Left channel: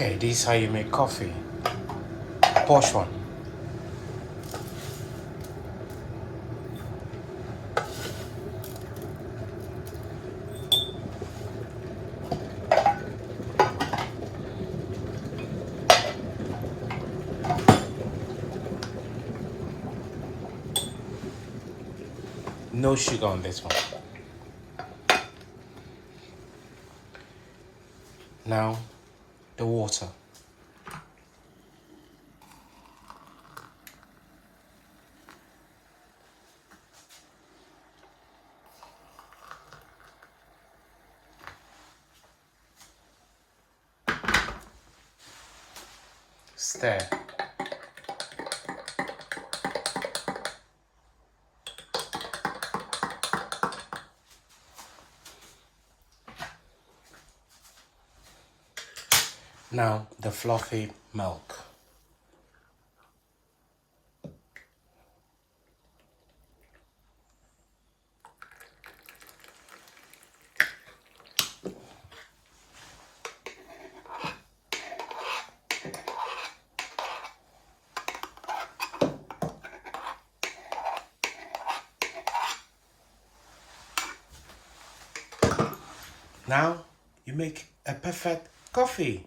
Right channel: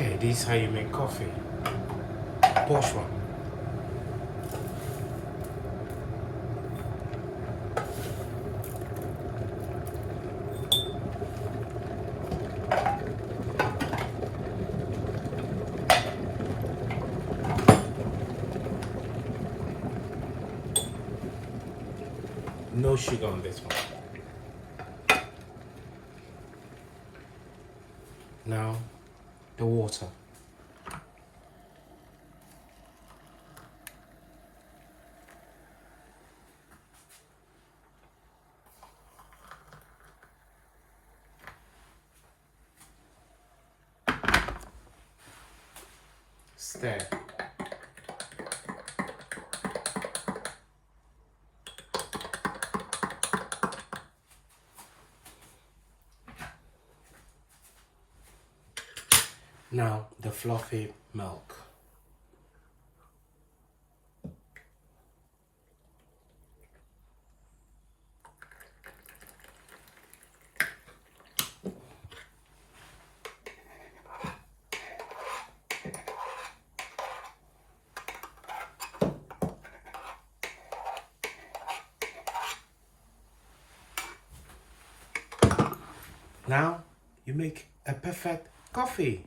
Okay, this is how you make coffee. Posh one. No sugar on this one. Now, the water. Stir. Now, the fluffy milk. Now, you make a perfect coffee.